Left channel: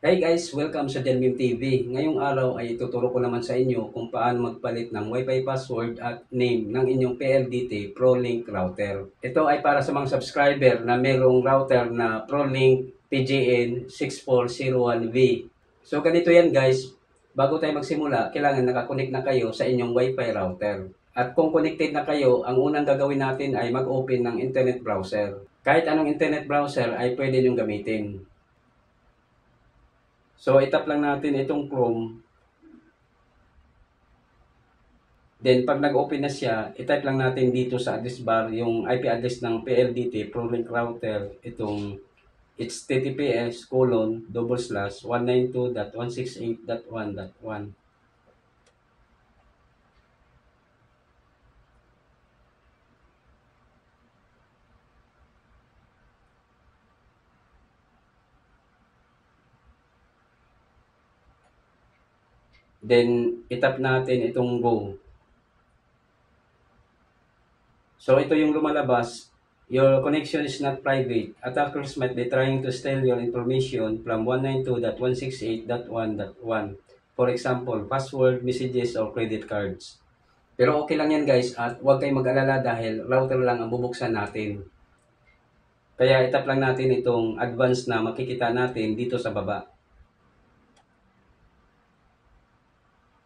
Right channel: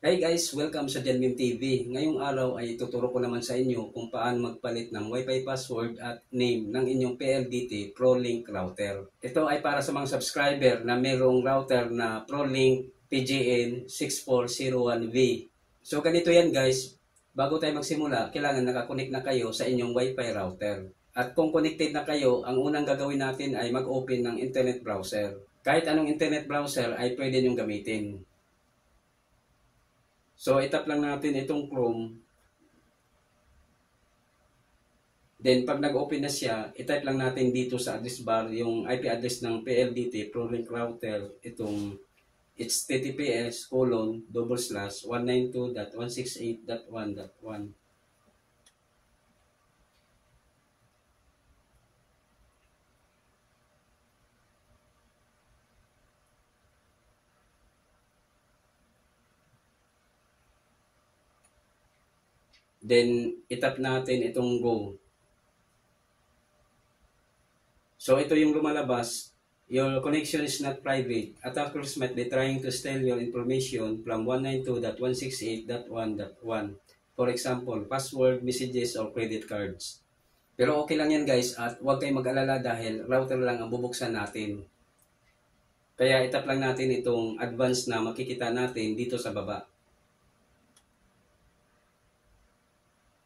Hey guys, welcome sa Janmim TV. Ngayong araw ay ituturo ko naman sa inyo kung paano magpalit ng Wi-Fi password at name ng inyong PLDT ProLink router. Ito ay para sa mga subscriber na mayroong router na ProLink PGN 6401V. So ganito yan guys, bago tayo magsimula, kailangan nakakonect na kayo sa inyong Wi-Fi router. At kung connected na kayo, ang unang gagawin natin ay mag-open ng internet browser. Kahit anong internet browser ay pwede nyong gamitin. So, itap lang natin itong Chrome. Then, pag nag-open na siya, itype lang natin dito sa address bar yung IP address ng PLDT ProLink router. Itong https://192.168.1.1. Then, itap natin itong go. So, ito yung lumalabas. Your connection is not private. Attackers might be trying to steal your information from 192.168.1.1. For example, password, messages, or credit cards. Pero okay lang yan guys at huwag kayong mag-alala dahil router lang ang bubuksan natin. Kaya itap lang natin itong advance na makikita natin dito sa baba.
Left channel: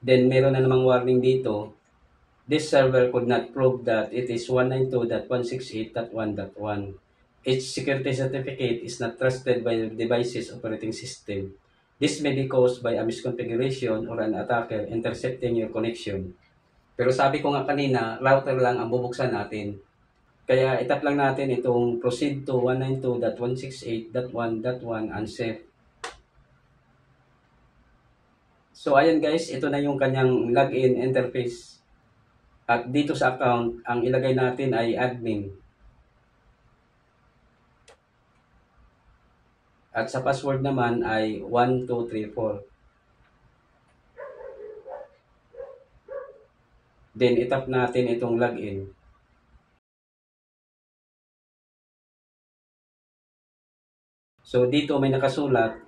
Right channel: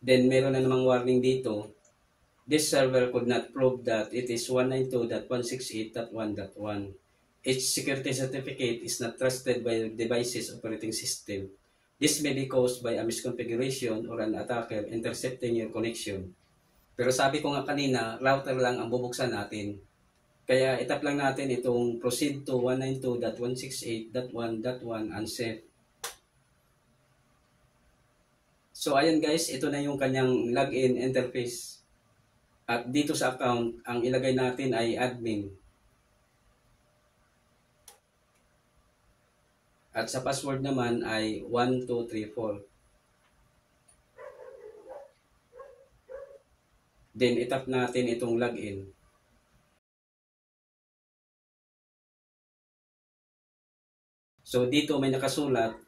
Then meron na namang warning dito. This server could not prove that it is 192.168.1.1. Its security certificate is not trusted by the device's operating system. This may be caused by a misconfiguration or an attacker intercepting your connection. Pero sabi ko nga kanina, router lang ang bubuksan natin. Kaya itap lang natin itong proceed to 192.168.1.1 unsafe. So ayan guys, ito na yung kanyang login interface. At dito sa account, ang ilagay natin ay admin. At sa password naman ay 1234. Then itap natin itong login. So dito may nakasulat,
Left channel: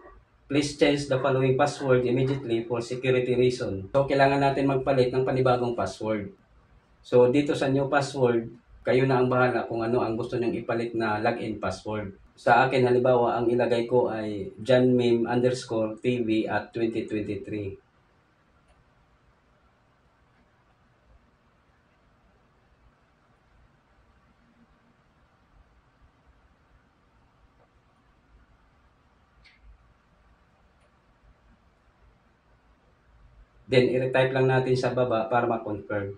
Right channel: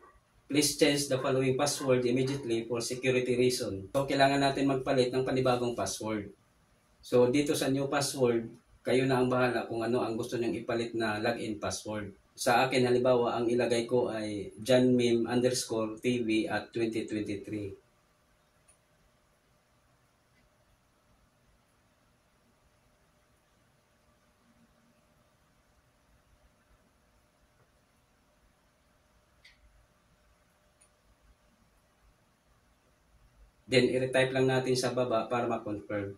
please change the following password immediately for security reason. So kailangan natin magpalit ng panibagong password. So dito sa new password, kayo na ang bahala kung ano ang gusto nyong ipalit na login password. Sa akin halimbawa, ang ilagay ko ay janmim_tv at 2023. Then, i-retype lang natin sa baba para ma-confirm.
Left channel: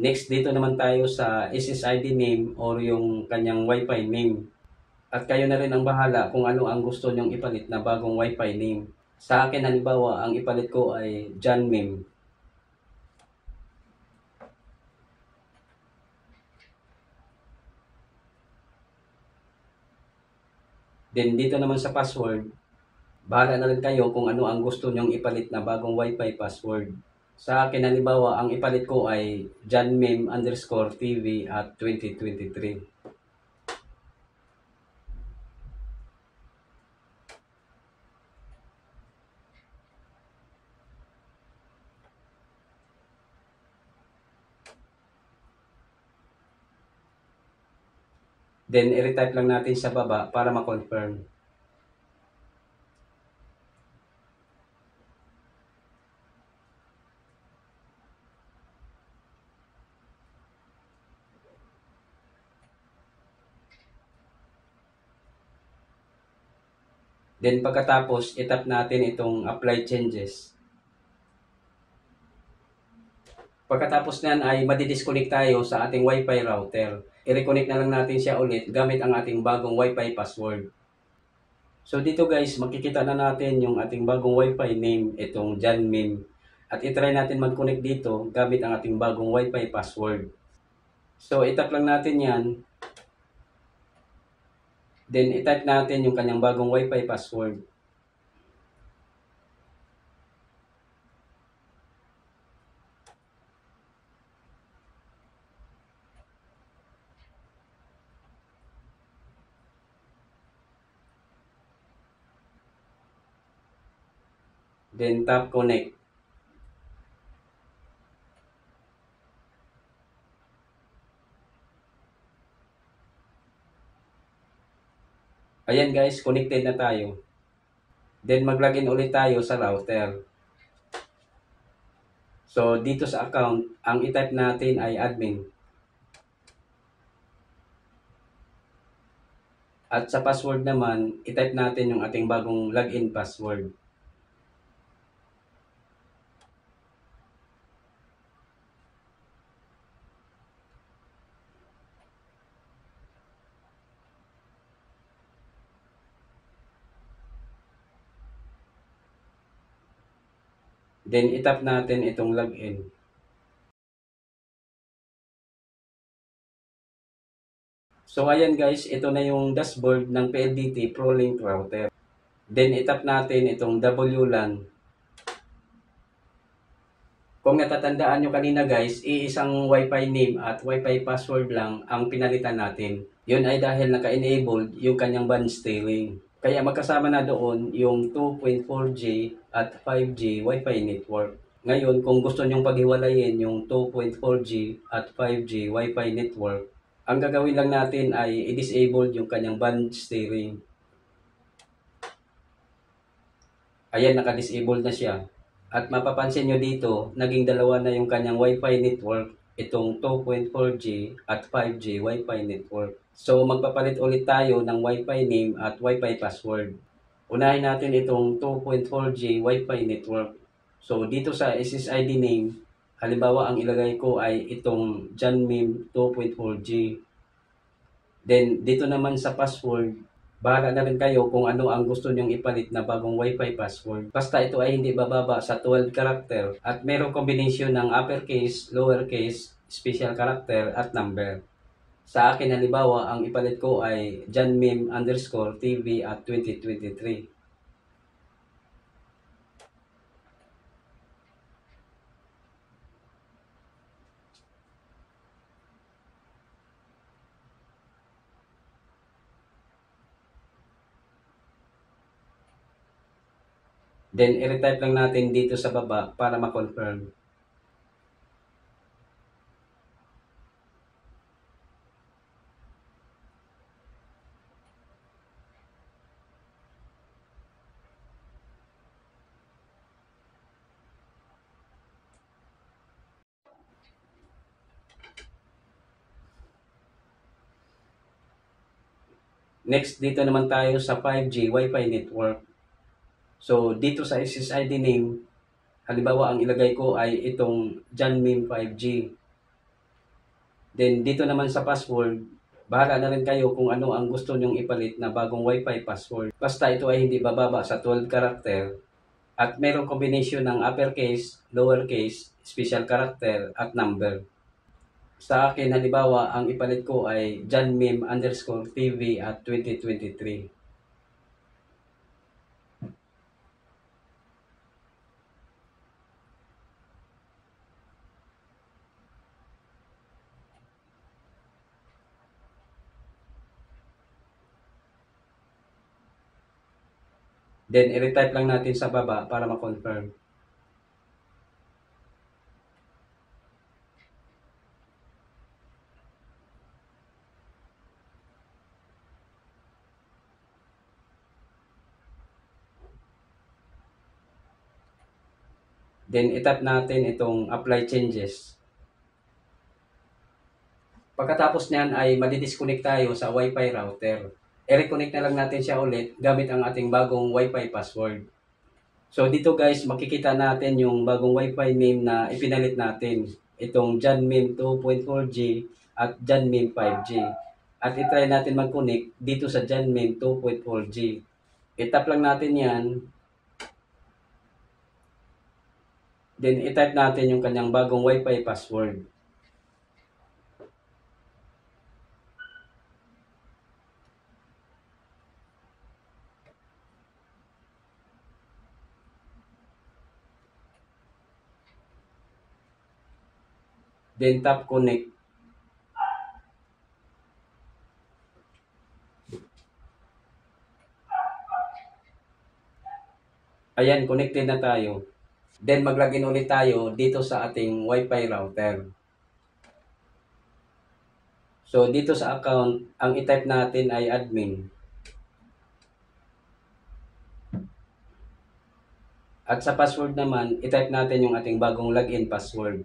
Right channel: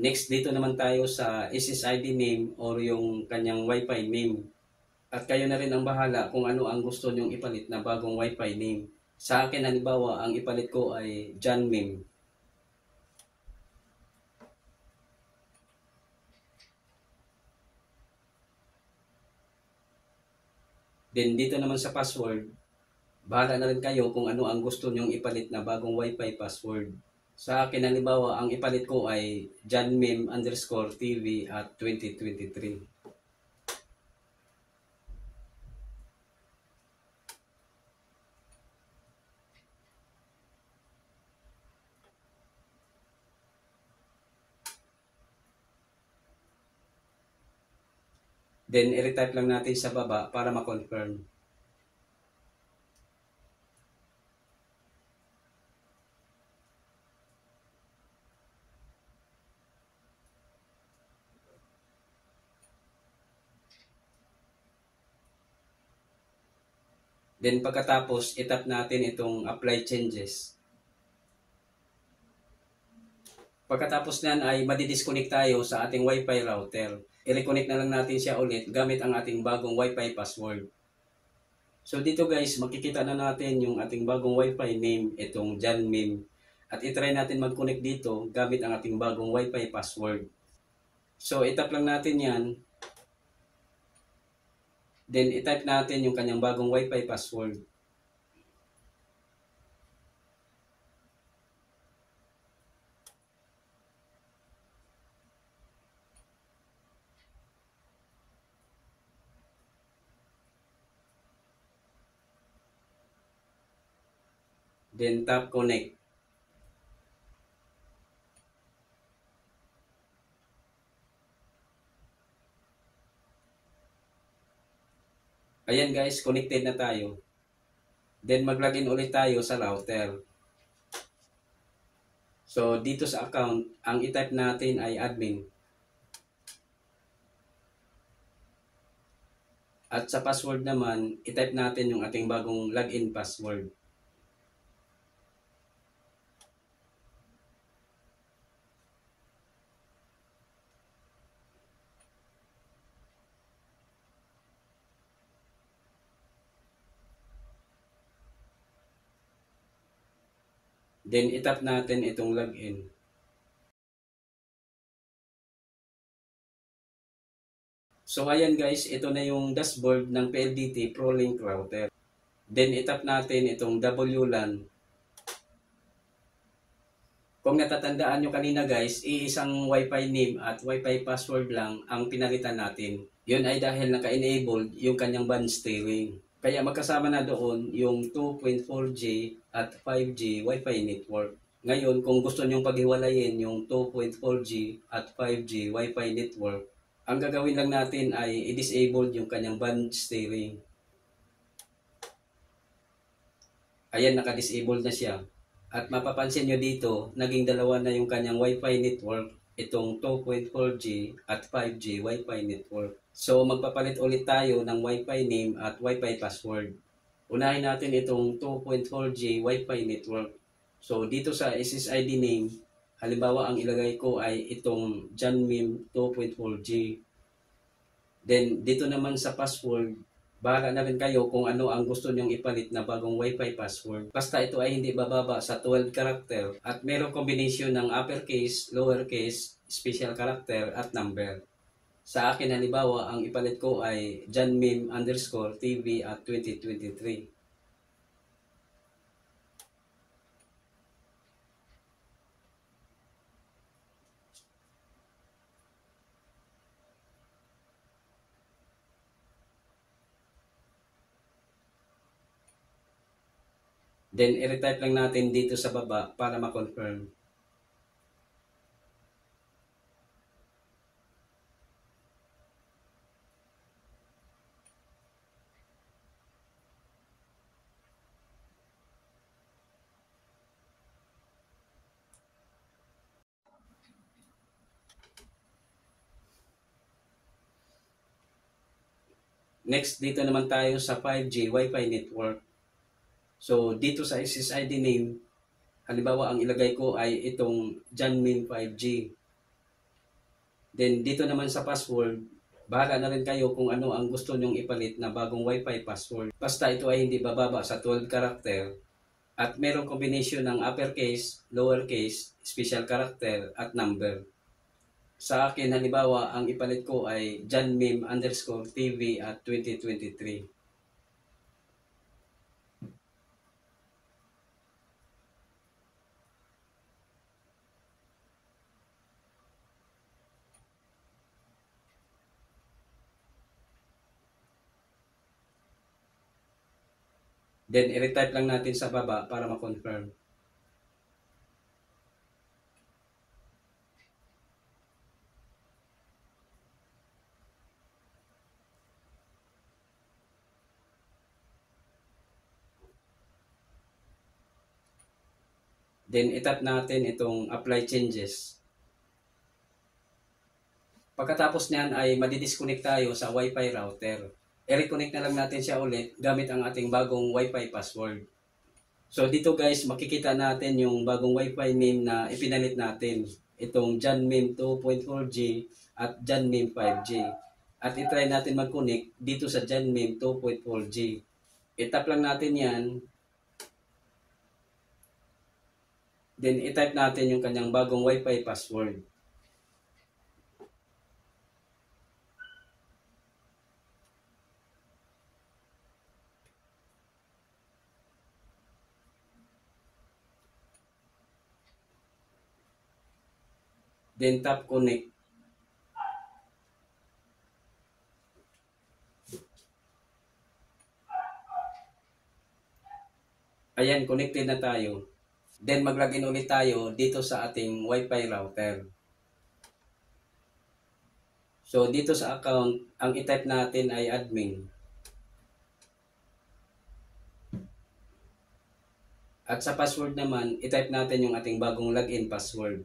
Next, dito naman tayo sa SSID name or yung kanyang Wi-Fi name. At kayo na rin ang bahala kung ano ang gusto nyong ipalit na bagong Wi-Fi name. Sa akin, halimbawa, ang ipalit ko ay janmim. Then dito naman sa password, bahala na rin kayo kung ano ang gusto nyong ipalit na bagong Wi-Fi password. Sa akin, halimbawa, ang ipalit ko ay janmim_tv at 2023. Then, i-retype lang natin sa baba para ma-confirm. Then, pagkatapos, itap natin itong apply changes. Pagkatapos niyan ay madidisconnect tayo sa ating Wi-Fi router. I-reconnect na lang natin siya ulit gamit ang ating bagong Wi-Fi password. So dito guys, makikita na natin yung ating bagong Wi-Fi name, itong janmim. At itry natin mag-connect dito gamit ang ating bagong Wi-Fi password. So itap lang natin yan. Then i-type natin yung kanyang bagong Wi-Fi password. Then tap connect. Ayan guys, connected na tayo. Then mag-login ulit tayo sa router. So dito sa account, ang i-type natin ay admin. At sa password naman, i-type natin yung ating bagong login password. Then i-tap natin itong login. So ayan guys, ito na yung dashboard ng PLDT ProLink router. Then i-tap natin itong WLAN. Kung natatandaan nyo kanina guys, iisang Wi-Fi name at Wi-Fi password lang ang pinalitan natin. Yun ay dahil naka-enabled yung kanyang band steering. Kaya magkasama na doon yung 2.4G at 5G Wi-Fi network. Ngayon, kung gusto nyong paghiwalayin yung 2.4G at 5G Wi-Fi network, ang gagawin lang natin ay i-disable yung kanyang band steering. Ayan, naka-disable na siya. At mapapansin nyo dito, naging dalawa na yung kanyang Wi-Fi network, itong 2.4G at 5G Wi-Fi network. So magpapalit ulit tayo ng Wi-Fi name at Wi-Fi password. Unahin natin itong 2.4G Wi-Fi network. So dito sa SSID name, halimbawa ang ilagay ko ay itong Janmim 2.4G. Then dito naman sa password, bahala na rin kayo kung ano ang gusto nyong ipalit na bagong Wi-Fi password. Basta ito ay hindi bababa sa 12 character at mayroong kombinasyon ng uppercase, lowercase, special character at number. Sa akin halimbawa, ang ipalit ko ay janmim_tv at 2023. Then i-retype lang natin dito sa baba para ma-confirm. Next, dito naman tayo sa 5G Wi-Fi network. So, dito sa SSID name, halimbawa ang ilagay ko ay itong Janmim 5G. Then, dito naman sa password, bahala na rin kayo kung ano ang gusto nyong ipalit na bagong Wi-Fi password. Basta ito ay hindi bababa sa 12 character at mayroong kombinasyon ng uppercase, lowercase, special character at number. Sa akin, halimbawa, ang ipalit ko ay janmim_tv at 2023. Then, i-retype lang natin sa baba para ma-confirm. Then, i-tap natin itong apply changes. Pagkatapos niyan ay madidisconnect tayo sa Wi-Fi router. I-reconnect na lang natin siya ulit gamit ang ating bagong Wi-Fi password. So dito guys, makikita natin yung bagong Wi-Fi name na ipinalit natin. Itong Janmim 2.4G at Janmim 5G. At itry natin mag-connect dito sa Janmim 2.4G. I-tap lang natin yan. Then i-type natin yung kanyang bagong Wi-Fi password. Then tap connect. Ayan, connected na tayo. Then mag-login ulit tayo dito sa ating Wi-Fi router. So dito sa account, ang i-type natin ay admin. At sa password naman, i-type natin yung ating bagong login password.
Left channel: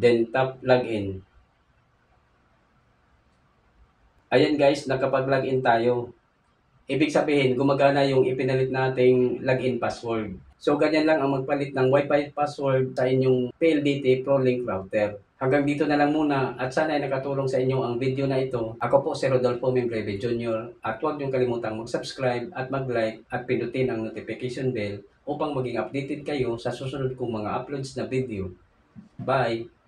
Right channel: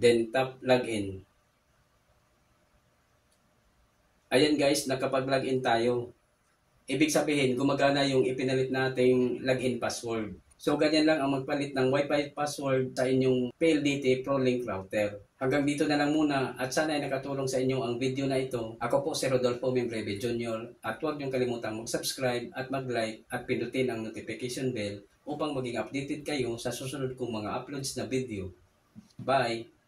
Then tap login. Ayan guys, nakapag-login tayo. Ibig sabihin, gumagana yung ipinalit nating login password. So ganyan lang ang magpalit ng Wi-Fi password sa inyong PLDT ProLink router. Hanggang dito na lang muna at sana ay nakatulong sa inyo ang video na ito. Ako po si Rodolfo Membreve Jr. At huwag niyong kalimutang mag-subscribe at mag-like at pindutin ang notification bell upang maging updated kayo sa susunod kong mga uploads na video. Bye!